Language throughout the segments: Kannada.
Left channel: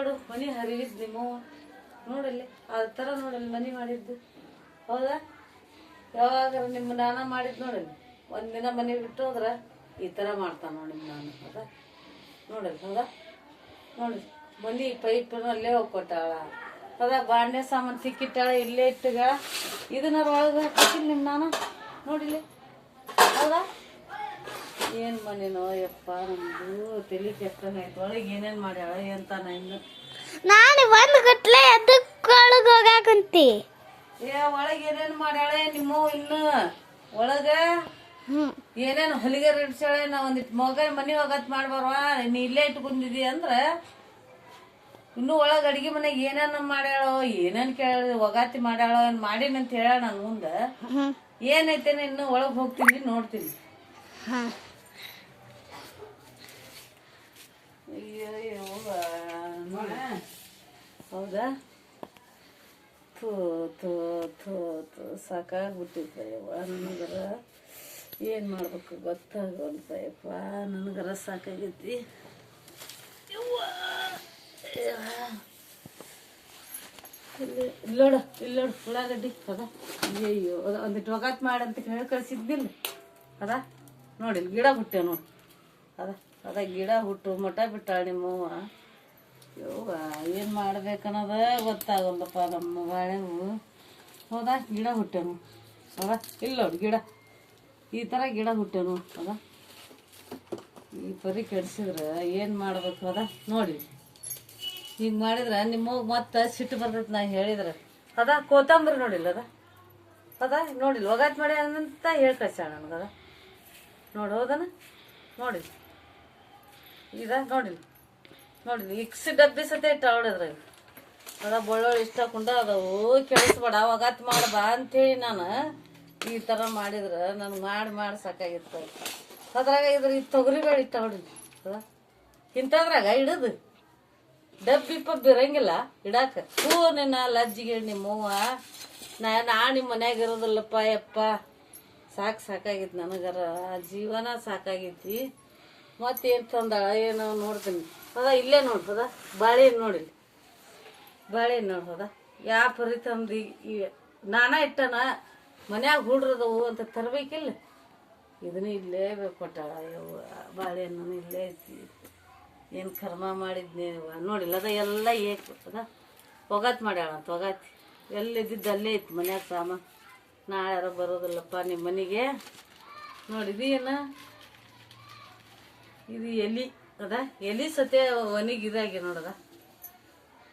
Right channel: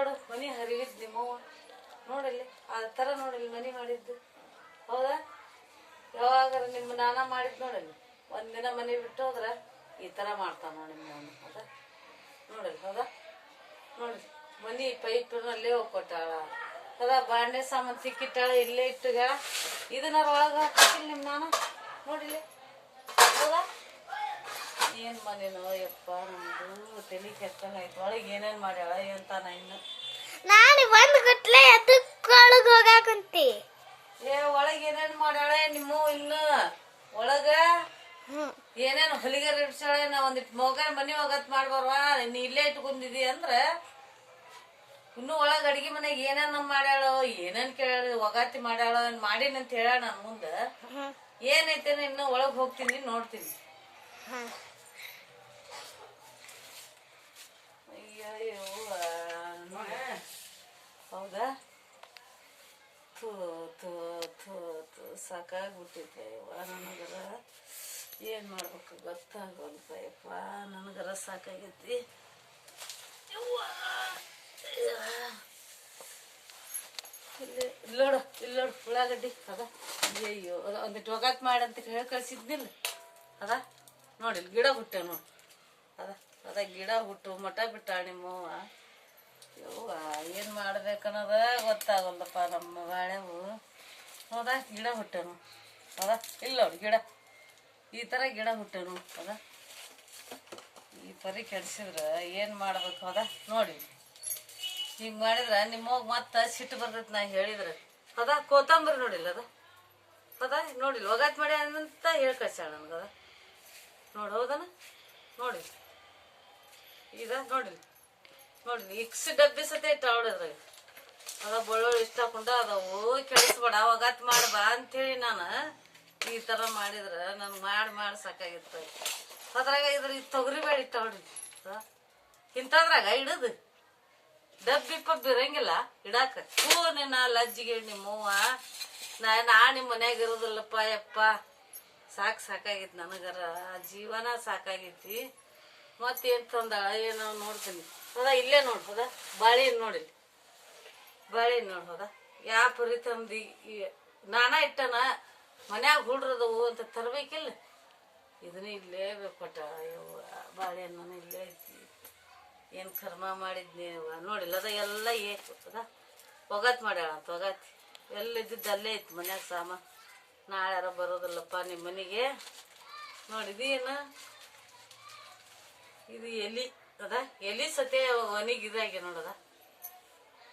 ಇಲ್ಲೋಡು ಮನಿ ಹರಿವಿದ್ ನಿಮ್ಮವ್ವ ನೋಡಲ್ಲಿ ಆ ಥರ ನೋಡಲ್ಲಿ ಮನಿ ಮಾಡಿದ್ದು ಹೌದಾ? ಯಾವಾಗಾರ ನಿಮ್ಮ ನಾನ ಮಾಡಿದ್ ನೋಡಲ್ಲಿ ಒಂದಿನ ಮನೆ ಬಿಟ್ಟು ಹೋದ್ರೆ ಈ ಥರ ಮಾಡ್ತಾನೆ ನೋಡಿ ನಾನು ಹೌದಾ? ನೋಡಲ್ಲಿ ಹೌದಾ? ನೋಡಿ ಮನಿ ಪೈಪನ್ನು ಅಲ್ಲೇ ಹೋಗ್ಕೊಟ್ಟಾಳ ಹೌದಾ? ಬಾಂಡೆ ಸಾಮಾನು ಸಿಕ್ಕಿಟ್ಟಾಳ ಇಲ್ಲೇ ಇಟ್ಟುಗಳ ಇದನ್ನಾರು ಒಳಗೆ ಹಾಕಿಲ್ಲ ನಿಮ್ಮ ನಾನು ನೋಡಿಲಿ ಹೌದಾ? ಏನು ಮನೇನೋ ಯಪ್ಪ ನಮ್ದು ತಲೆ ಕೆಟ್ಟನಾಯ್ತು ಒಳಗೆ ಏನೇನು ಮಾಡ್ಯಾಳ ಅಂತಾನ ಇನ್ನು ನಾನು ಒಂದು ಗಟ್ಲೆ ಅದಕ್ಕೊಳಗೆ ಹೋಗಾಕಂತಿ ಒಳಗೆ ಏನೇನು ಮಾಡ್ಯಾಳ ನಿಮ್ಮ ಇನ್ನು ಒಳಗ ಏನೇನು ಹೊಲಿಗೆ ಇಡ್ಸಾಳೆ ನಾ ಒಂದಿಟ್ಟು ಮಗ ಮನೆ ಒಗತ್ ಮಾಡ್ಬಾರ್ವ ನೀ ಇಲ್ಲೇ ಇಟ್ಕೊಂಡಿದಿ ಅಂದ್ರೆ ಇನ್ನು ಒಳಗೆ ಅಡಿಗೆ ಮನೆಗೆ ಏನೇನು ಮಾಡ್ಯಾಳ ಏನೇನು ಕೇಳ ಒಗಾತಿ ಮಾಡ್ಯಾಳ ಮಾಡಿನಂತ ಹೇಳ ನಾನು ಮುಂದೆ ಏನೈತೇನ ಇನ್ನು ಒಳಗೆ ಹೋಗ್ತೀನಿ ನೋಡ್ತೀನಿ. ಅಯ್ಯೋ ಹೌದಾ? ಥೂ ಥೂ ಥೂ ಥೂ ಸಾಕಾಗ್ಬಿಟ್ಟಿದ್ದೆ ಯವ್ವ ನನಗರ ಏನು ಮಾಡ್ಬೇಕು ಗೊತ್ತಾಗಲ್ತ ಯಪ್ಪ ನನಗರ ಸಾಕಾಗೈತಿ ಇಲ್ಲೋಡು ಉಳ್ಳಾಗಡ್ಡಿ ಅದ ಅಯ್ಯೋ ಒಂದಿಟ್ಟು ಒಗಾತ್ ಮಾಡಂತ ಹೇಳಿ ಕಳ್ಸಿದ್ನಿಲ್ಲ ಅದ ನೋಡಿಲ್ಲ ಗಿಡ ಹುಟ್ಟೆ ನೋಡು ಅದ ಗಿಡ ಹುಟ್ಟು ಮಠ ಬಿಟ್ಟ ನಿಮ್ಮವ್ವ ಯವ್ವ ಏನು ಮಾಡ್ಬೇಕನ್ನೋದ ಗೊತ್ತಾಗಲ್ಲಪ್ಪ ನಮ್ಮ ಬಾಳೆವು ಹೌದಾ? ಗಿಡ ಹುಟ್ಟೆನು ಅದ ಇಲ್ಲ ನೋಡಿ ಗಿಡ ಈ ಥರ ಗಿಡ ಹುಟ್ಟೆನು ಅದ ಈ ಪರಿ ಕೆಡ್ಸಿದ್ರೆ ಏನು ಮಾಡ್ಬೇಕು ಅದ ನೋಡಿ ಹಿಂಗೆ ಮಾಡಿದ್ರೆ ನಿಮ್ಮವ್ಗ ಮತ್ತೆ ಸಿಟ್ಟು ಬರ್ತೈತೆ ನಾ ಹೇಳಿದ್ರೆ ಅದ ಕೋತಂಬರಿ ನೋಡಿಲ್ಲ ಅದ ನೋಡಿಲ್ಲ ಒಗಾತ್ ಮಾಡಿ ಅಂತ ಹೇಳಿ ಕಳ್ಸ್ಯಾಳ ನನಗದ ನೋಡಿ ಹೌದನ ನೋಡಿ ಇದ ನೋಡಿಲ್ಲ ಇಕ್ಸ್ ಡಬ್ಬಿ ಸತೆ ಇಟ್ಟು ಅವಳಿದ್ರಾಗ ಅದ ಬಳ್ಳೊಳ್ಳಿ ಇಷ್ಟ ಹಾಕೊಂಡ ಅದವು ಕೆಡಿಸ್ಬೇಡ ಒಗಾತ್ ಮಾಡಬಾ ಅಂತೇಳಿ ನಾನು ಈ ಥರ ಮಾಡಿದ್ರೆ ನನ್ಗೆ ಮಾಡಿ ಸಾಕಾಗಿತ್ತು ಅದ್ರಾಗ ಇದ್ರ ಈ ತೊಗರಿ ಬೇಳೆ ಇಟ್ಟ ಹೊಡಿದ್ವಿ ಇಂಥದ್ರಾಗ ಇಡದು ಡಬ್ಬಿ ಪಬ್ಬಿ ಇರಂಗಿಲ್ಲ ಇಡಾಕ ಹೂವ ನಿನ್ನ ಲಜ್ಜಿಗೆ ನಿಮ್ಮವ್ವ ನಾ ನಿಮ್ಮ ಮನ್ಯಾಗ ಇರೋದಿಲ್ಲಪ್ಪ ಯಪ್ಪ ಸಾಕಾಗಿತ್ತು ನನಗರ ಜೀವನ ಸಾಕಾಗೈತಿ ಮತ್ತೇನು ತಂದಾಳ ಏನೋ ನೋಡ್ತೀನಿ ಹೌದಾ? ಇಲ್ಲೇ ನೋಡಿ ಹೌದಾ? ಬಾಳೆಹಣ್ಣು ನೋಡಿಲ್ಲ ಬಾಳೆಹಣ್ಣು ನೋಡಿ ಹೌದಾ? ಯಾವ ಪರಿ ತಂದು ನಾನಾ ಇಟ್ಟನ ಮನ್ಯಾಗ ಹುಡ್ರದವು ಅಂತ ತರಬೇಕಿಲ್ಲ ಇದನ್ನ ಇಲ್ಲೇ ಕೊಟ್ಟಾಳ ಬಾಳೆಹಣ್ಣು ಇಲ್ಲೇ ಐತಿ ಏನು ಕರ್ಮ ಮಾಡಿದ್ನೇವ ನೋಡಿಲ್ಲ ಅದ ಎಲ್ಲ ಅದ ಒಗಾತ್ ಮಾಡ್ಯಾಳ ಅಂತ ಒಗಾತಿ ಎಲ್ಲಿದ್ದಿದ್ದು ಅಲ್ಲೇ ಐತಿ ಮನ್ಯಾಗ ಸಾಮಾನು ನಾಳೆ ಯಾರೋ ಬರೋದಿಲ್ಲಪ್ಪ ನಿಮ್ಮ ಮನೆಗೆ ನೋಡಿದೇನು ಇದು ಎಲಿ ಅದ ಎಲಿ ಸತೆ ಒನಿಗೆ ಇದಾಗಿ ನೋಡದ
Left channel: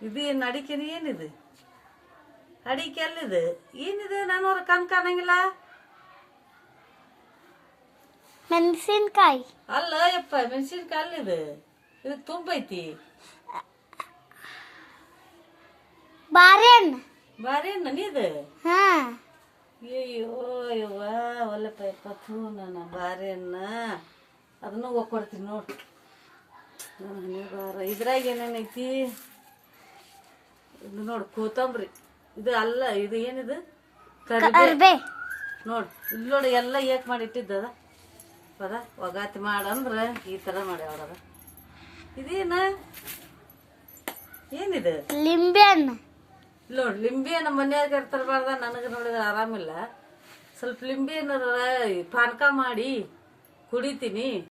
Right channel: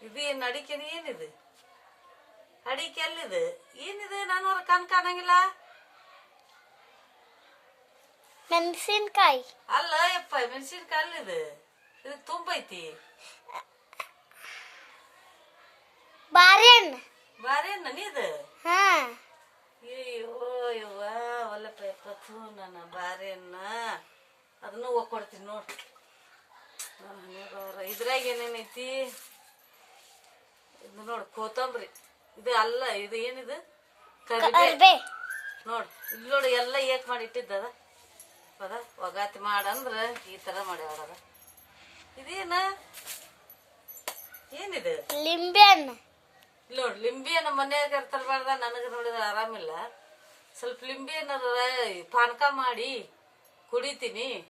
ಇದು ಏನು ಅಡಿಕೆ ಏನಿದೆ ಅಡಿಕೆ ಎಲ್ಲಿದೆ ಏನಿದೆ ನಾನು ಅವ್ರ ಕಾಣಂಗಿಲ್ಲ ಮೆಣಸಿನ್ಕಾಯಿ ಅಲ್ಲ ಯಪ್ಪ ಮೆಣಸಿನ್ಕಾಯಿ ಅಲ್ಲಿದೆ ಇದು ತುಂಬೈತಿ ಬಾರೆಹಣ್ಣು ನೀದು ಅಯ್ಯೋ ಯವ್ವ ಒಲ್ಲಪ್ಪ ಯಪ್ಪ ಥೂ ನನ್ನ ಬಾರೆಹಣ್ಣ ಅದನ್ನು ಹೋಗ್ಕೊಡ್ತೀನಿ ನೋಡಿ ನನ್ನ ಹಣೆ ಬಾರ ಇದ್ರಾಗ ಏನೇನೈತಿ ಇದು ನೋಡಿ ಕೋತಂಬರಿ ಇದು ಅಲ್ಲ ಇದು ಏನಿದು ಕರಿಬೇ ನೋಡಿ ಇಲ್ಲಿ ನೋಡಿ ಎಲ್ಲ ಏಕ್ ಮಾಡಿ ಇಟ್ಟಿದ್ದದ ಅದ ಒಗಾತಿ ಮಾಡಂದ್ರೆ ಈ ಥರ ಮಾಡ್ಯಾವದ ಇದೇನ ಏನಿದೆ ಲಿಂಬೆ ಹಣ್ಣು ನೋಡಿ ಲಿಂಬೆ ನಮ್ಮ ಮನ್ಯಾಗ ತರಬಾರ್ದ ನನಗೆ ನೋಡಿದ್ರೆ ಆರಾಮಿಲ್ಲ ಸ್ವಲ್ಪ ಲಿಂಬೆ ಪಾನಕ ಮಾಡಿ ಕುಡಿತೀನಿ